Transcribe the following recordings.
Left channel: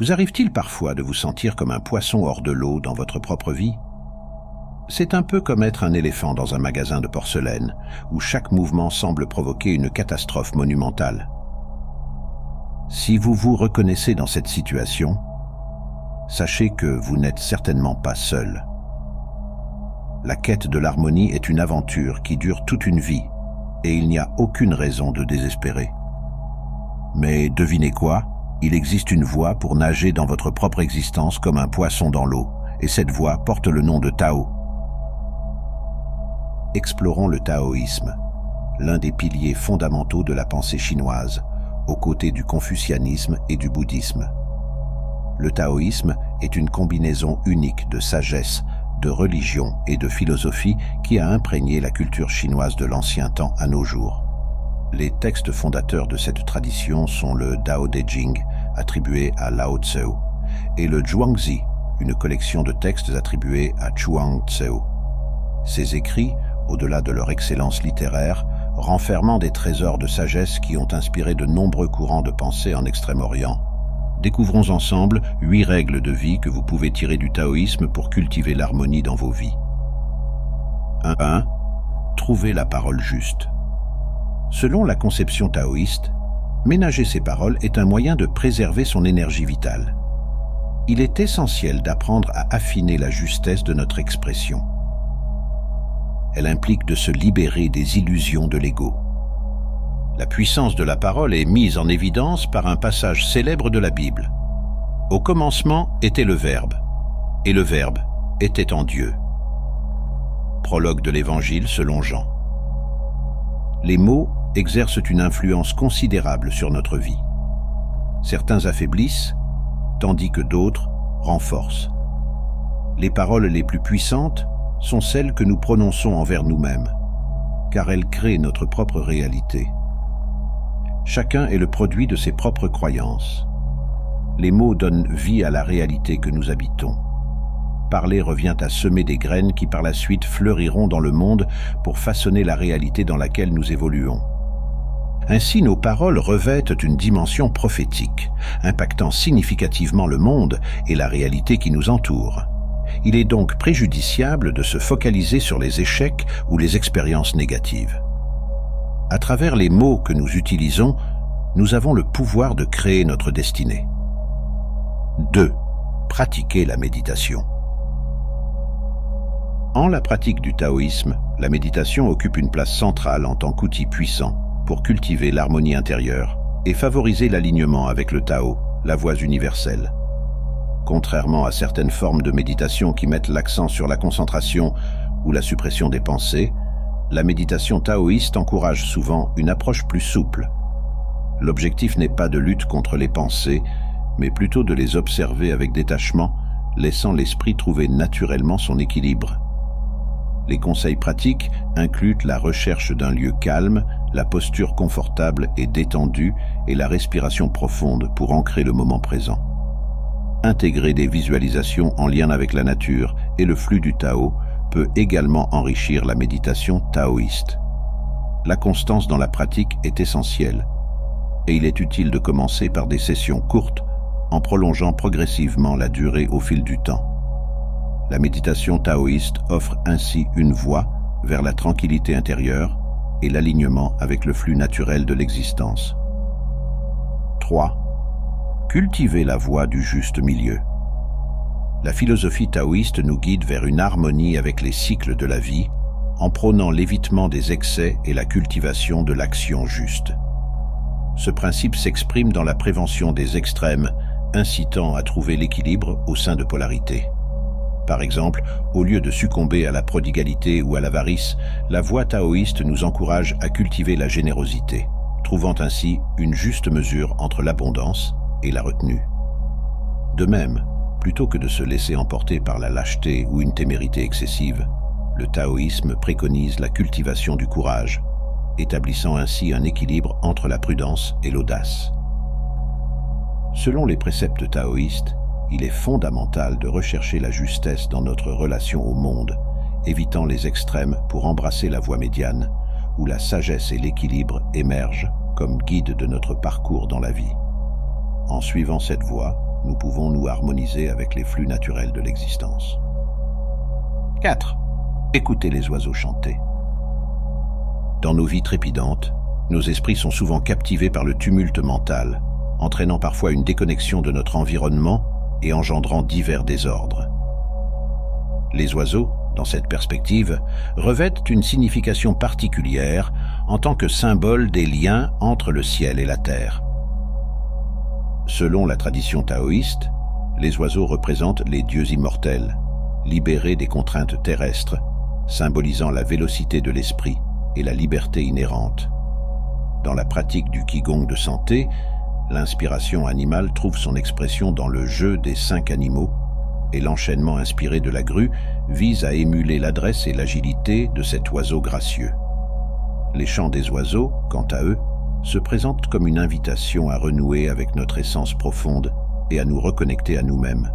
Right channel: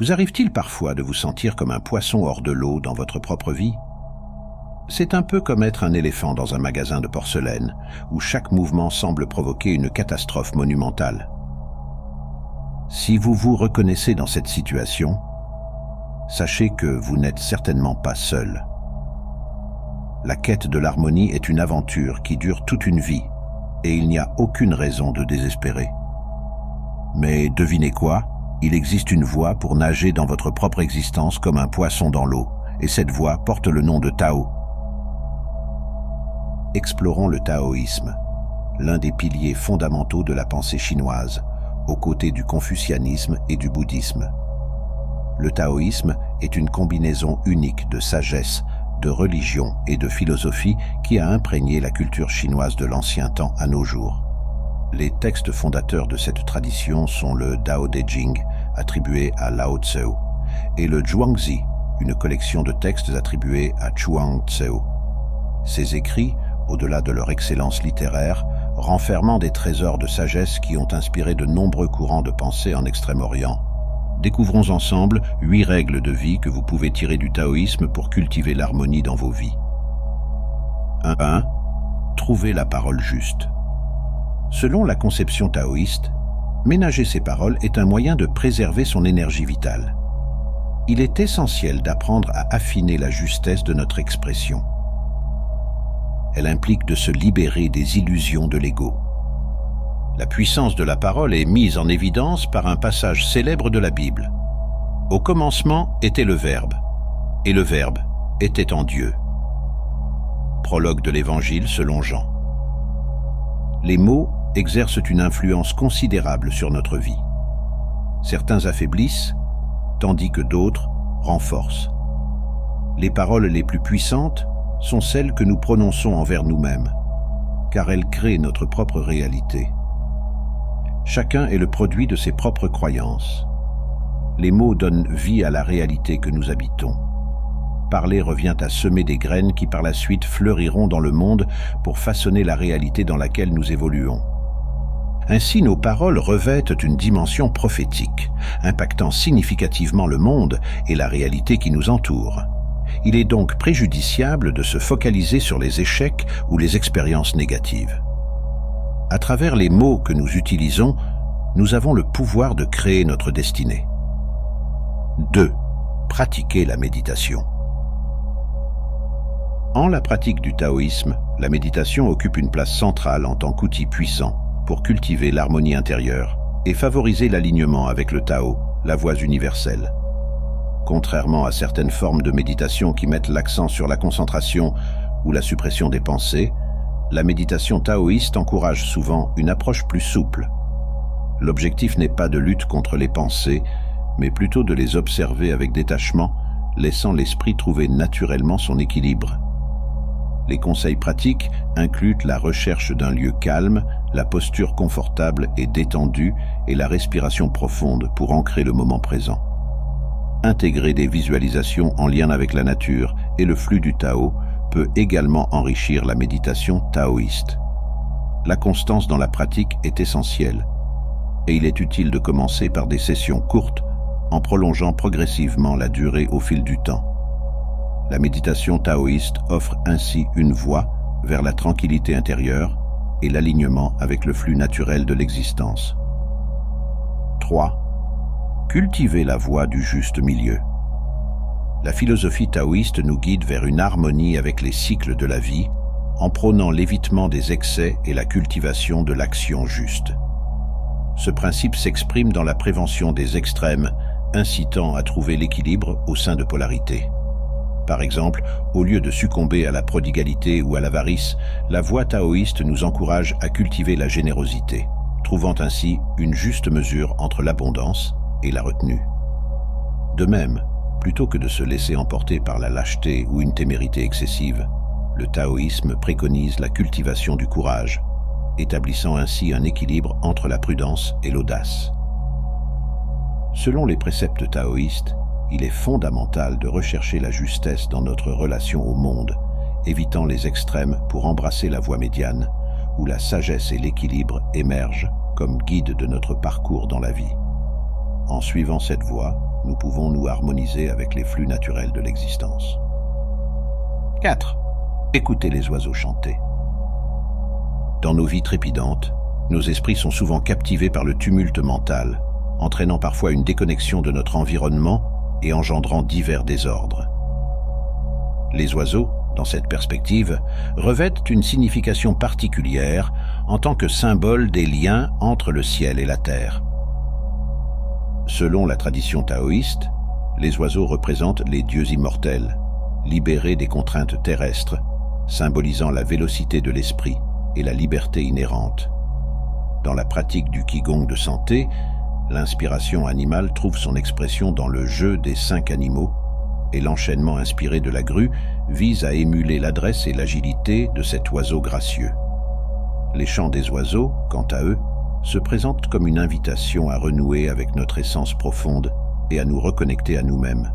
Vous arrive-t-il parfois de vous sentir comme un poisson hors de l'eau dans votre propre vie? C'est un peu comme être un éléphant dans un magasin de porcelaine, où chaque mouvement semble provoquer une catastrophe monumentale. Si vous vous reconnaissez dans cette situation, sachez que vous n'êtes certainement pas seul. La quête de l'harmonie est une aventure qui dure toute une vie, et il n'y a aucune raison de désespérer. Mais devinez quoi? Il existe une voie pour nager dans votre propre existence comme un poisson dans l'eau, et cette voie porte le nom de Tao. Explorons le taoïsme, l'un des piliers fondamentaux de la pensée chinoise, aux côtés du confucianisme et du bouddhisme. Le taoïsme est une combinaison unique de sagesse, de religion et de philosophie qui a imprégné la culture chinoise de l'ancien temps à nos jours. Les textes fondateurs de cette tradition sont le Dao De Jing, attribué à Lao Tzu, et le Zhuangzi, une collection de textes attribués à Chuang Tzu. Ces écrits, au-delà de leur excellence littéraire, renfermant des trésors de sagesse qui ont inspiré de nombreux courants de pensée en Extrême-Orient. Découvrons ensemble 8 règles de vie que vous pouvez tirer du taoïsme pour cultiver l'harmonie dans vos vies. 1. Trouvez la parole juste. Selon la conception taoïste, ménager ses paroles est un moyen de préserver son énergie vitale. Il est essentiel d'apprendre à affiner la justesse de notre expression. Elle implique de se libérer des illusions de l'ego. La puissance de la parole est mise en évidence par un passage célèbre de la Bible. Au commencement était le Verbe, et le Verbe était en Dieu. Prologue de l'Évangile selon Jean. Les mots exercent une influence considérable sur notre vie. Certains affaiblissent, tandis que d'autres renforcent. Les paroles les plus puissantes sont celles que nous prononçons envers nous-mêmes, car elles créent notre propre réalité. Chacun est le produit de ses propres croyances. Les mots donnent vie à la réalité que nous habitons. Parler revient à semer des graines qui par la suite fleuriront dans le monde pour façonner la réalité dans laquelle nous évoluons. Ainsi, nos paroles revêtent une dimension prophétique, impactant significativement le monde et la réalité qui nous entoure. Il est donc préjudiciable de se focaliser sur les échecs ou les expériences négatives. À travers les mots que nous utilisons, nous avons le pouvoir de créer notre destinée. 2. Pratiquer la méditation. En la pratique du taoïsme, la méditation occupe une place centrale en tant qu'outil puissant pour cultiver l'harmonie intérieure et favoriser l'alignement avec le Tao, la voie universelle. Contrairement à certaines formes de méditation qui mettent l'accent sur la concentration ou la suppression des pensées, la méditation taoïste encourage souvent une approche plus souple. L'objectif n'est pas de lutte contre les pensées, mais plutôt de les observer avec détachement, laissant l'esprit trouver naturellement son équilibre. Les conseils pratiques incluent la recherche d'un lieu calme, la posture confortable et détendue et la respiration profonde pour ancrer le moment présent. Intégrer des visualisations en lien avec la nature et le flux du Tao peut également enrichir la méditation taoïste. La constance dans la pratique est essentielle, et il est utile de commencer par des sessions courtes en prolongeant progressivement la durée au fil du temps. La méditation taoïste offre ainsi une voie vers la tranquillité intérieure et l'alignement avec le flux naturel de l'existence. 3. Cultiver la voie du juste milieu. La philosophie taoïste nous guide vers une harmonie avec les cycles de la vie, en prônant l'évitement des excès et la cultivation de l'action juste. Ce principe s'exprime dans la prévention des extrêmes, incitant à trouver l'équilibre au sein de polarités. Par exemple, au lieu de succomber à la prodigalité ou à l'avarice, la voie taoïste nous encourage à cultiver la générosité, trouvant ainsi une juste mesure entre l'abondance et la retenue. De même, plutôt que de se laisser emporter par la lâcheté ou une témérité excessive, le taoïsme préconise la cultivation du courage, établissant ainsi un équilibre entre la prudence et l'audace. Selon les préceptes taoïstes, il est fondamental de rechercher la justesse dans notre relation au monde, évitant les extrêmes pour embrasser la voie médiane, où la sagesse et l'équilibre émergent comme guide de notre parcours dans la vie. En suivant cette voie, nous pouvons nous harmoniser avec les flux naturels de l'existence. 4. Écoutez les oiseaux chanter. Dans nos vies trépidantes, nos esprits sont souvent captivés par le tumulte mental, entraînant parfois une déconnexion de notre environnement et engendrant divers désordres. Les oiseaux, dans cette perspective, revêtent une signification particulière en tant que symbole des liens entre le ciel et la terre. Selon la tradition taoïste, les oiseaux représentent les dieux immortels, libérés des contraintes terrestres, symbolisant la vélocité de l'esprit et la liberté inhérente. Dans la pratique du Qigong de santé, l'inspiration animale trouve son expression dans le jeu des 5 animaux, et l'enchaînement inspiré de la grue vise à émuler l'adresse et l'agilité de cet oiseau gracieux. Les chants des oiseaux, quant à eux, se présentent comme une invitation à renouer avec notre essence profonde et à nous reconnecter à nous-mêmes.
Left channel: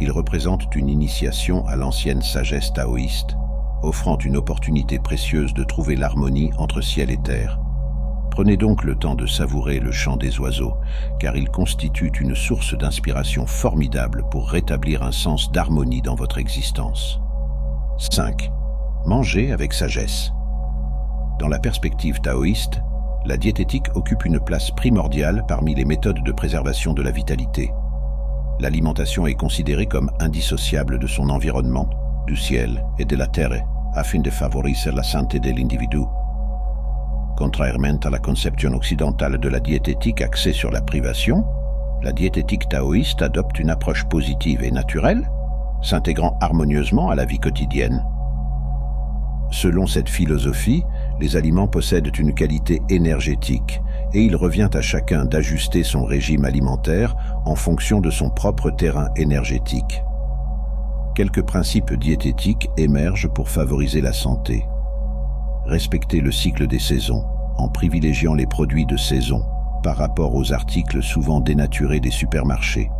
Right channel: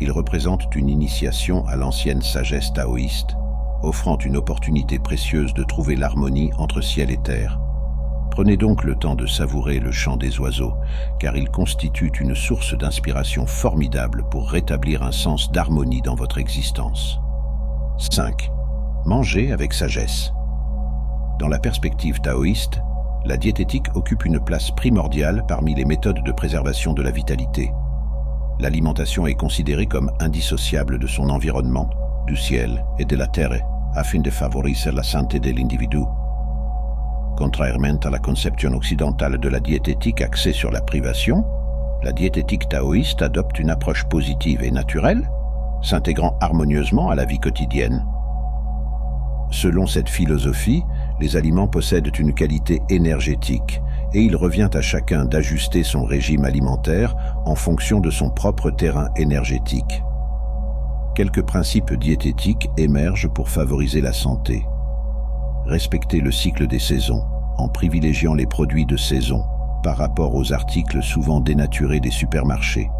Ils représentent une initiation à l'ancienne sagesse taoïste, offrant une opportunité précieuse de trouver l'harmonie entre ciel et terre. Prenez donc le temps de savourer le chant des oiseaux, car il constitue une source d'inspiration formidable pour rétablir un sens d'harmonie dans votre existence. 5. Mangez avec sagesse. Dans la perspective taoïste, la diététique occupe une place primordiale parmi les méthodes de préservation de la vitalité. L'alimentation est considérée comme indissociable de son environnement, du ciel et de la terre, afin de favoriser la santé de l'individu. Contrairement à la conception occidentale de la diététique axée sur la privation, la diététique taoïste adopte une approche positive et naturelle, s'intégrant harmonieusement à la vie quotidienne. Selon cette philosophie, les aliments possèdent une qualité énergétique et il revient à chacun d'ajuster son régime alimentaire en fonction de son propre terrain énergétique. Quelques principes diététiques émergent pour favoriser la santé. Respecter le cycle des saisons, en privilégiant les produits de saison par rapport aux articles souvent dénaturés des supermarchés.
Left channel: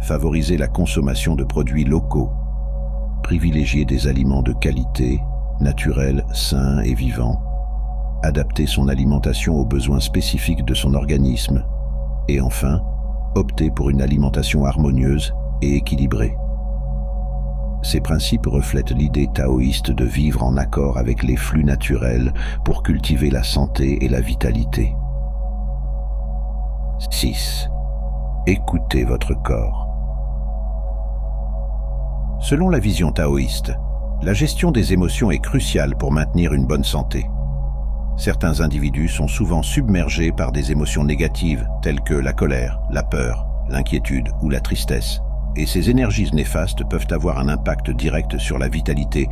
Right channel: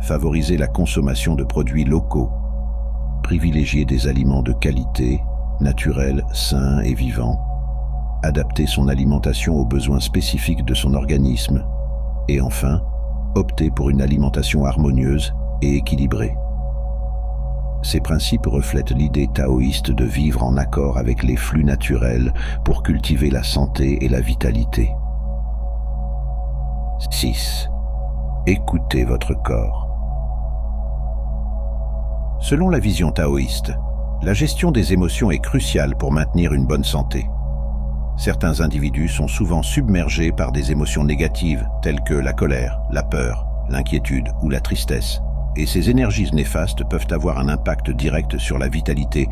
Favoriser la consommation de produits locaux. Privilégier des aliments de qualité, naturels, sains et vivants. Adapter son alimentation aux besoins spécifiques de son organisme. Et enfin, opter pour une alimentation harmonieuse et équilibrée. Ces principes reflètent l'idée taoïste de vivre en accord avec les flux naturels pour cultiver la santé et la vitalité. 6. Écoutez votre corps. Selon la vision taoïste, la gestion des émotions est cruciale pour maintenir une bonne santé. Certains individus sont souvent submergés par des émotions négatives telles que la colère, la peur, l'inquiétude ou la tristesse. Et ces énergies néfastes peuvent avoir un impact direct sur la vitalité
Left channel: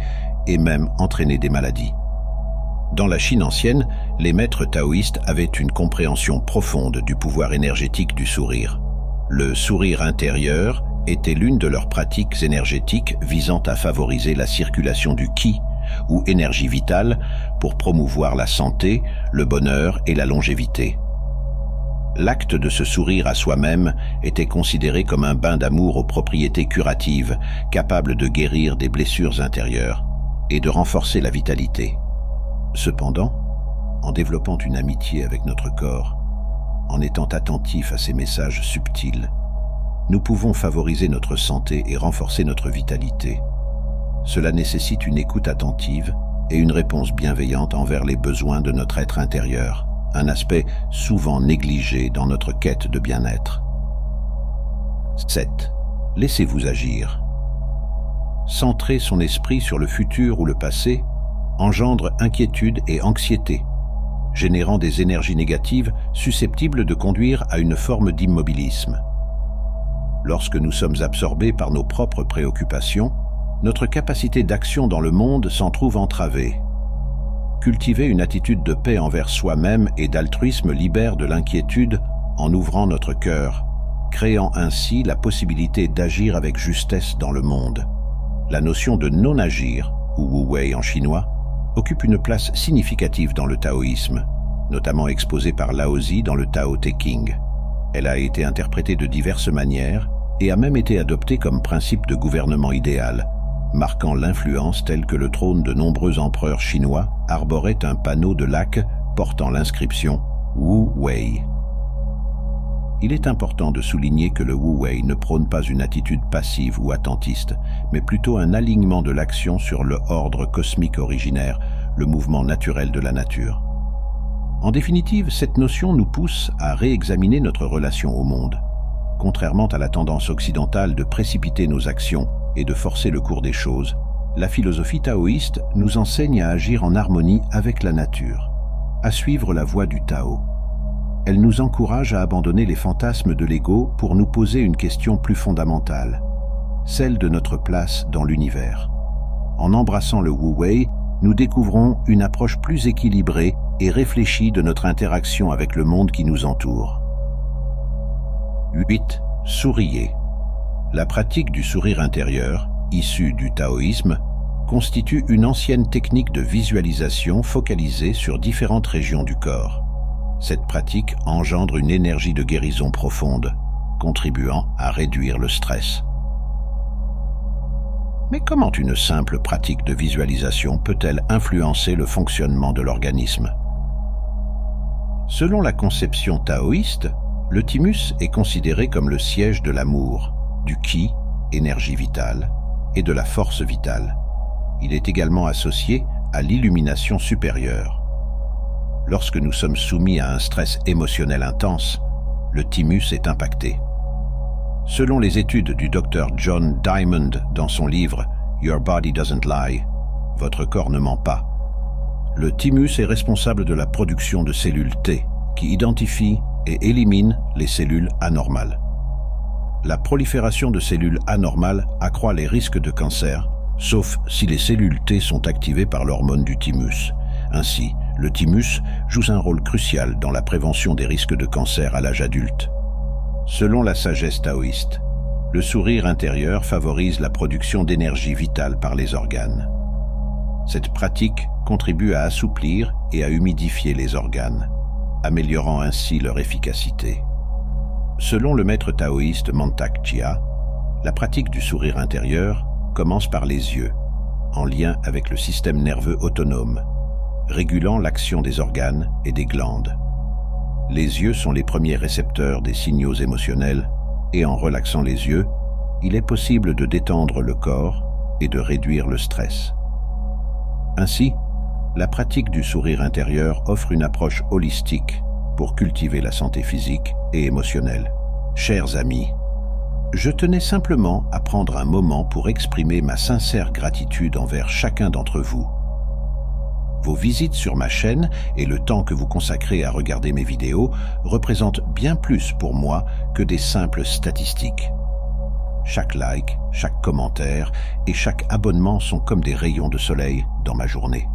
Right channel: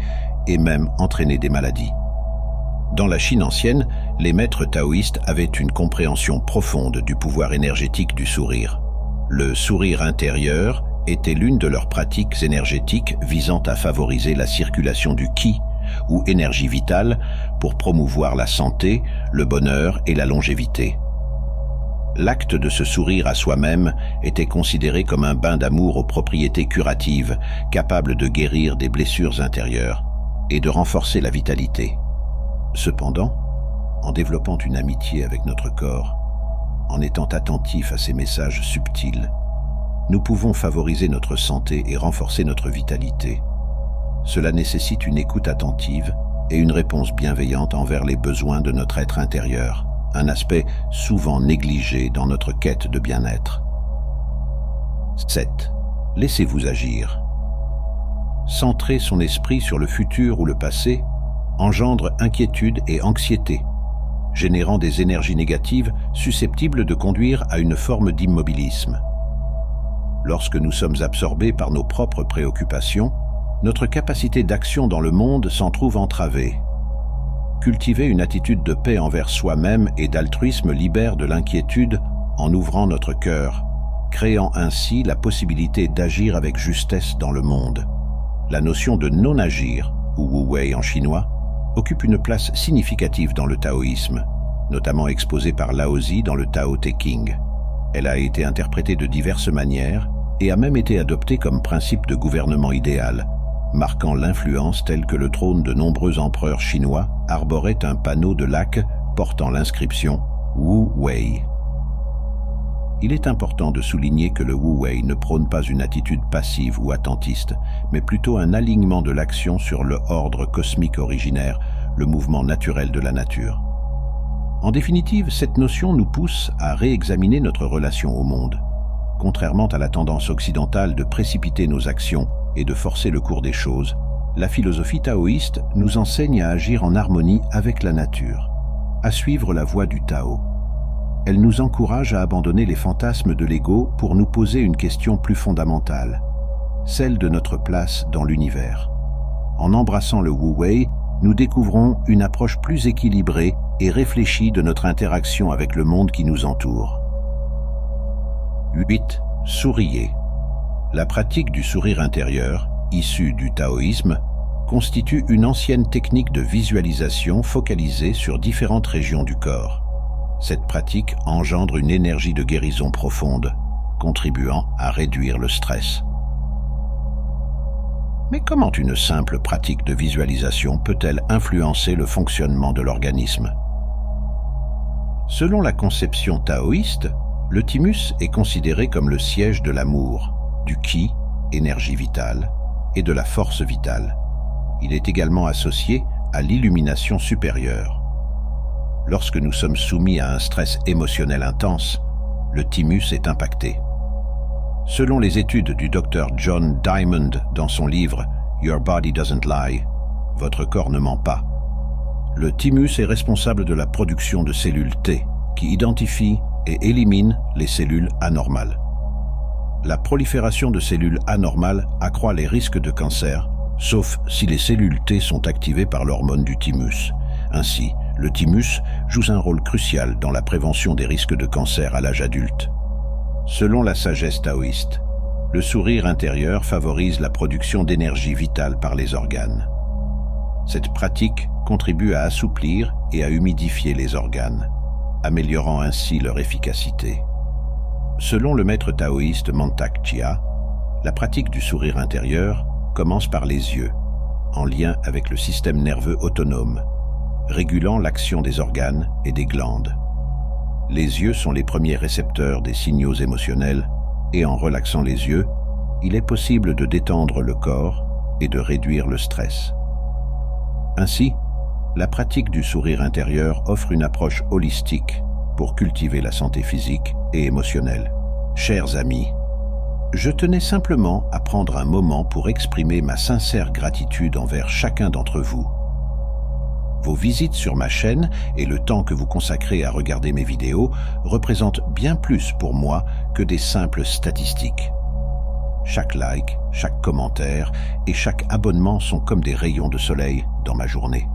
et même entraîner des maladies. Dans la Chine ancienne, les maîtres taoïstes avaient une compréhension profonde du pouvoir énergétique du sourire. Le sourire intérieur était l'une de leurs pratiques énergétiques visant à favoriser la circulation du qi, ou énergie vitale, pour promouvoir la santé, le bonheur et la longévité. L'acte de se sourire à soi-même était considéré comme un bain d'amour aux propriétés curatives, capable de guérir des blessures intérieures et de renforcer la vitalité. Cependant, en développant une amitié avec notre corps, en étant attentif à ces messages subtils, nous pouvons favoriser notre santé et renforcer notre vitalité. Cela nécessite une écoute attentive et une réponse bienveillante envers les besoins de notre être intérieur. Un aspect souvent négligé dans notre quête de bien-être. 7. Laissez-vous agir. Centrer son esprit sur le futur ou le passé engendre inquiétude et anxiété, générant des énergies négatives susceptibles de conduire à une forme d'immobilisme. Lorsque nous sommes absorbés par nos propres préoccupations, notre capacité d'action dans le monde s'en trouve entravée. Cultiver une attitude de paix envers soi-même et d'altruisme libère de l'inquiétude en ouvrant notre cœur, créant ainsi la possibilité d'agir avec justesse dans le monde. La notion de non-agir, ou wu wei en chinois, occupe une place significative dans le taoïsme, notamment exposée par Laozi dans le Tao Te Ching. Elle a été interprétée de diverses manières et a même été adoptée comme principe de gouvernement idéal, marquant l'influence telle que le trône de nombreux empereurs chinois arborait un panneau de laque portant l'inscription Wu Wei. Il est important de souligner que le Wu Wei ne prône pas une attitude passive ou attentiste, mais plutôt un alignement de l'action sur le ordre cosmique originaire, le mouvement naturel de la nature. En définitive, cette notion nous pousse à réexaminer notre relation au monde. Contrairement à la tendance occidentale de précipiter nos actions et de forcer le cours des choses, la philosophie taoïste nous enseigne à agir en harmonie avec la nature, à suivre la voie du Tao. Elle nous encourage à abandonner les fantasmes de l'ego pour nous poser une question plus fondamentale, celle de notre place dans l'univers. En embrassant le Wu Wei, nous découvrons une approche plus équilibrée et réfléchie de notre interaction avec le monde qui nous entoure. 8. Souriez. La pratique du sourire intérieur, issue du taoïsme, constitue une ancienne technique de visualisation focalisée sur différentes régions du corps. Cette pratique engendre une énergie de guérison profonde, contribuant à réduire le stress. Mais comment une simple pratique de visualisation peut-elle influencer le fonctionnement de l'organisme? Selon la conception taoïste, le thymus est considéré comme le siège de l'amour, du qi, énergie vitale, et de la force vitale. Il est également associé à l'illumination supérieure. Lorsque nous sommes soumis à un stress émotionnel intense, le thymus est impacté. Selon les études du Dr John Diamond dans son livre « Your Body Doesn't Lie », « Votre corps ne ment pas », le thymus est responsable de la production de cellules T, qui identifient et éliminent les cellules anormales. La prolifération de cellules anormales accroît les risques de cancer, sauf si les cellules T sont activées par l'hormone du thymus. Ainsi, le thymus joue un rôle crucial dans la prévention des risques de cancer à l'âge adulte. Selon la sagesse taoïste, le sourire intérieur favorise la production d'énergie vitale par les organes. Cette pratique contribue à assouplir et à humidifier les organes, améliorant ainsi leur efficacité. Selon le maître taoïste Mantak Chia, la pratique du sourire intérieur commence par les yeux, en lien avec le système nerveux autonome, régulant l'action des organes et des glandes. Les yeux sont les premiers récepteurs des signaux émotionnels et en relaxant les yeux, il est possible de détendre le corps et de réduire le stress. Ainsi, la pratique du sourire intérieur offre une approche holistique pour cultiver la santé physique et émotionnelle. Chers amis, je tenais simplement à prendre un moment pour exprimer ma sincère gratitude envers chacun d'entre vous. Vos visites sur ma chaîne et le temps que vous consacrez à regarder mes vidéos représentent bien plus pour moi que des simples statistiques. Chaque like, chaque commentaire et chaque abonnement sont comme des rayons de soleil dans ma journée.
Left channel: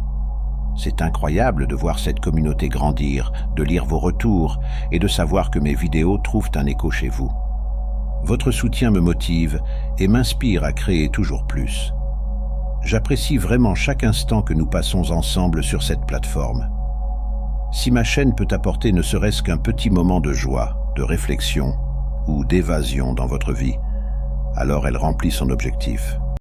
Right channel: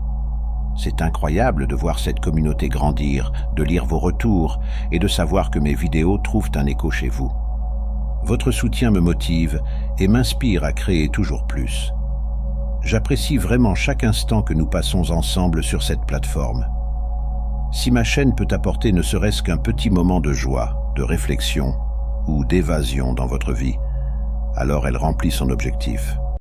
C'est incroyable de voir cette communauté grandir, de lire vos retours et de savoir que mes vidéos trouvent un écho chez vous. Votre soutien me motive et m'inspire à créer toujours plus. J'apprécie vraiment chaque instant que nous passons ensemble sur cette plateforme. Si ma chaîne peut apporter ne serait-ce qu'un petit moment de joie, de réflexion ou d'évasion dans votre vie, alors elle remplit son objectif.